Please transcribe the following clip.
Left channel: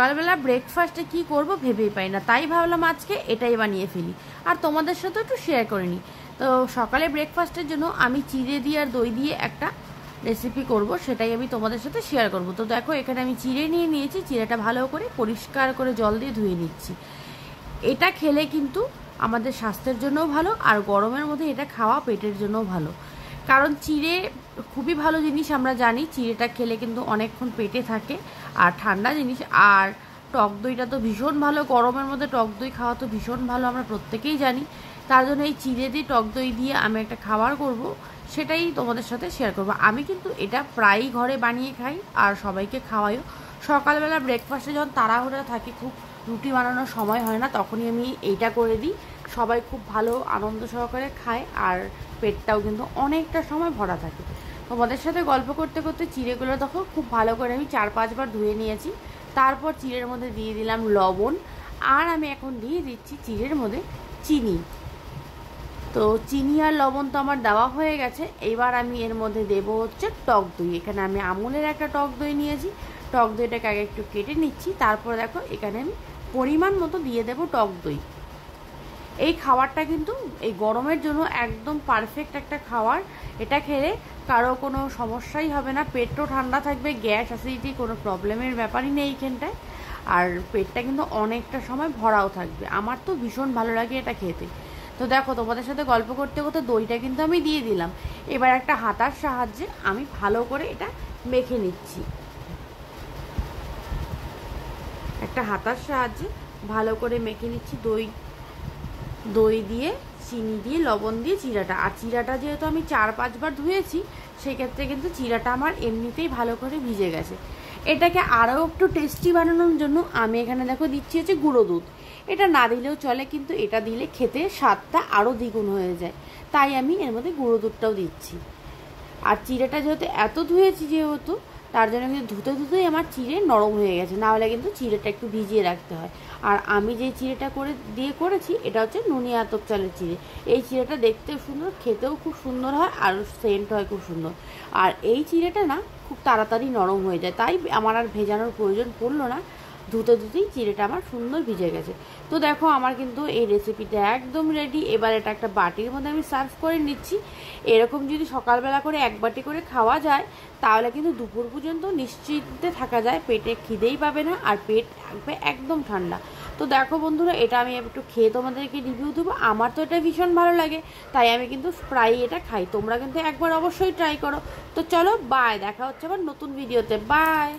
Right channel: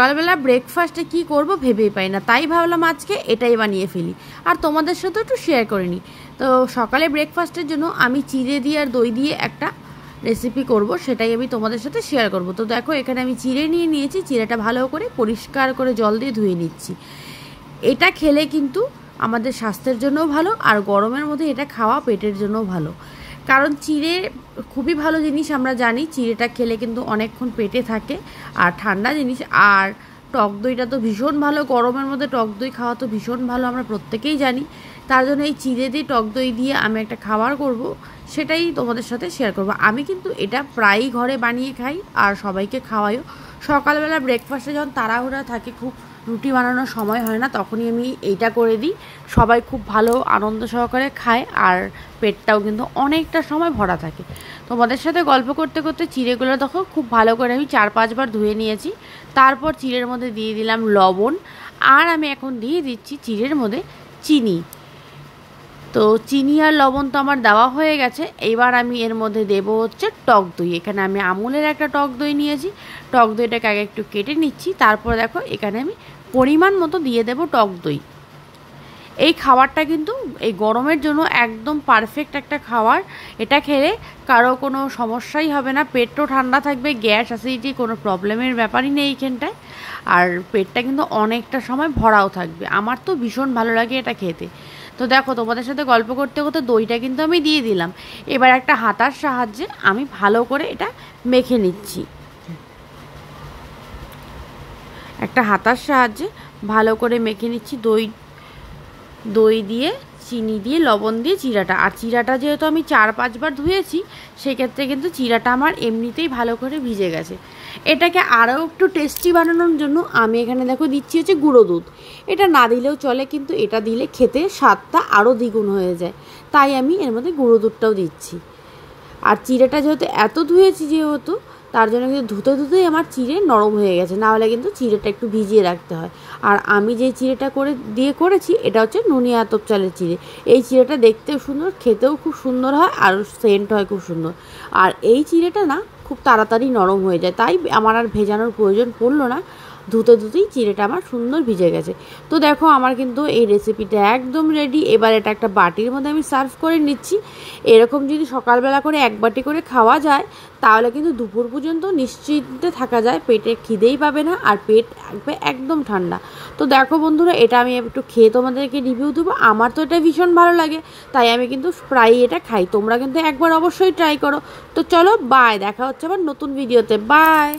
সকালবেলা ব্রেকফাস্টে কি করব ভেবেই পাই না, তাই ভাবলাম আজকে এটাই বানিয়ে ফেলি আর তোমাদের সাথে একটু শেয়ার করে নিই। তো সকালে ব্রেকফাস্টের জন্য আমি চিড়ে দিয়ে আর দই দিয়ে একটা রেসিপি করব, সেটাই আমি তোমাদের সাথে শেয়ার করব। তো দেখো এখানে আমি চিড়ে নিয়ে নিয়েছি, চিড়েটা ভালো করে পরিষ্কার করে জল দিয়ে ধুয়ে নিচ্ছি। এটা খেলে কিন্তু আমাদের স্বাস্থ্যের জন্যও ভালো, আর গরমের মধ্যে এটা খাওয়া পেটের জন্যও ভালো, কারণ চিড়ে খুবই ভালো জিনিস। আমরা জানি চিড়েটা খেলে কিন্তু অনেকক্ষণ পেটে থাকে আর ঠান্ডা জিনিস। আর টক দইটা তো ভীষণ ভালো, গরমের মধ্যে টক দই খাওয়া তো ভীষণ ভালো, আমরা প্রত্যেকেই জানি। তার জন্য এই চিড়ে দিয়ে টক দই দিয়ে আমি একটা খাবার করব, সেটাই তোমাদের সাথে শেয়ার করব। আমি কিন্তু এটা প্রায়ই ঘরে বানিয়ে খাই আর সবাইকে খাওয়াইও। সকালবেলা ব্রেকফাস্টে যখন তাড়াহুড়া থাকে, খুব রুটি বানানোর সময় হয় না, তখনই আমি এইটা করে দিই। সবাই খুব ভালো আনন্দ সহকারে খায় আর পেটটাও কিন্তু অনেকটা সময় ভরা থাকে। তোমাদের সাথে গল্প করতে করতে চিড়েগুলো দেখো খুব ভালো করে আমি 4-5 বার ধুয়ে নিয়েছি। তারপর চিড়ের মধ্যে দিয়ে দিলাম লবণ, আর আমি এখন দিয়ে দিচ্ছি চিড়ের মধ্যে চিনি। তো চিনি আর লবণ তো আমার দেওয়া হয়ে গেছে। এবার আমি এর মধ্যে দেবো হচ্ছে টক দই। এখানে আমি আমুলের একটা টক দই নিয়েছি, টক দইটাকে আগে একটু কেটে নিচ্ছি। তারপর দেখো এখানে আমি পরিমাণ মতো দিয়ে দেবো টক দই। এই খাবারটা কিন্তু এই গরমের জন্য একদম পারফেক্ট একটা খাবার। এটা খেলে কারো কোনো সমস্যাই হবে না, পেটও ঠান্ডা থাকবে, গ্যাস অ্যাসিডিটি কোনো প্রবলেমের ব্যাপারই নেই এইখানটায়। আর পেটটা কিন্তু অনেকটা সময় ভরাও থাকবে। আমার তো ভীষণ ভালো লাগে এটা খেতে। তো দেখো তোমাদের সাথে গল্প করতে করতে দইটা কিন্তু আমি দিয়ে দিলাম। এবার একটা হাতার সাহায্যে আমি ভালো করে এটা মেখে নিচ্ছি। একটা হাতার সাহায্যে ভালো করে মেখে নিচ্ছি দই দিয়ে, চিনি দিয়ে, লবণ দিয়ে চিড়াটা। আর চিড়াটা যেহেতু আমি 4-5 বার ধুয়েছি, সেক্ষেত্রে কিন্তু চিড়াটা আমার এমনিতেই ভালো করে ভিজে গেছে। এটাকে আরও একটু টেস্টি বানানোর জন্য আমি এখানে দেখো দিচ্ছি হচ্ছে গুঁড়ো দুধ। এটা না দিলেও চলে, কিন্তু এটা দিলে খেতে স্বাদটা আরও দ্বিগুণ হয়ে যায়, তাই আমি এর মধ্যে গুঁড়ো দুধটাও দিচ্ছি। আর চিড়েটা যেহেতু এত ধুয়েছি, যেহেতু তার জন্য কিন্তু ধুতে ধুতেই আমার চিড়ে নরম হয়ে গেছে, না হলে কিন্তু চিড়েটা একটু ভিজিয়ে রাখতে হয়। আর আমি যে চিড়েটা করেছি এটা হচ্ছে নুনিয়া আতপ চালের চিড়ে। এই চিড়েটা দেখতেও সুন্দর, খেতেও খুব সুন্দর হয়, আর সেন্ট হয় খুব সুন্দর। আর এই চিড়েটা না খুব তাড়াতাড়ি নরম হয়ে যায়, তাই আমার আর ভেজানোর প্রয়োজন পড়লো না। ধুতে ধুতেই চিড়েটা আমার সুন্দর ভিজে গেছে। তো দেখো আমার কিন্তু এই রেসিপিটা একদম রেডি। এবার এটা একটা বাটির মধ্যে আমি সার্ভ করে নিচ্ছি। এরকম যদি সকালবেলা করে 1 বাটি করে খাওয়া যায়, তাহলে কিন্তু দুপুর পর্যন্ত নিশ্চিন্তে থাকা যায়, পেটে খিদেই পাবে না আর পেট থাকবে একদম ঠান্ডা। তো দেখো বন্ধুরা, এটা আমি একটু খেয়ে তোমাদেরকে রিভিউ দেবো। আমার তো এটা ভীষণ ভালো লাগে, তাই আমি কিন্তু প্রায়ই এটা খাই। তোমরা কিন্তু একবার অবশ্যই ট্রাই করো। তো চলো, বাই, দেখা হচ্ছে আবার নতুন ভিডিওতে। বাই।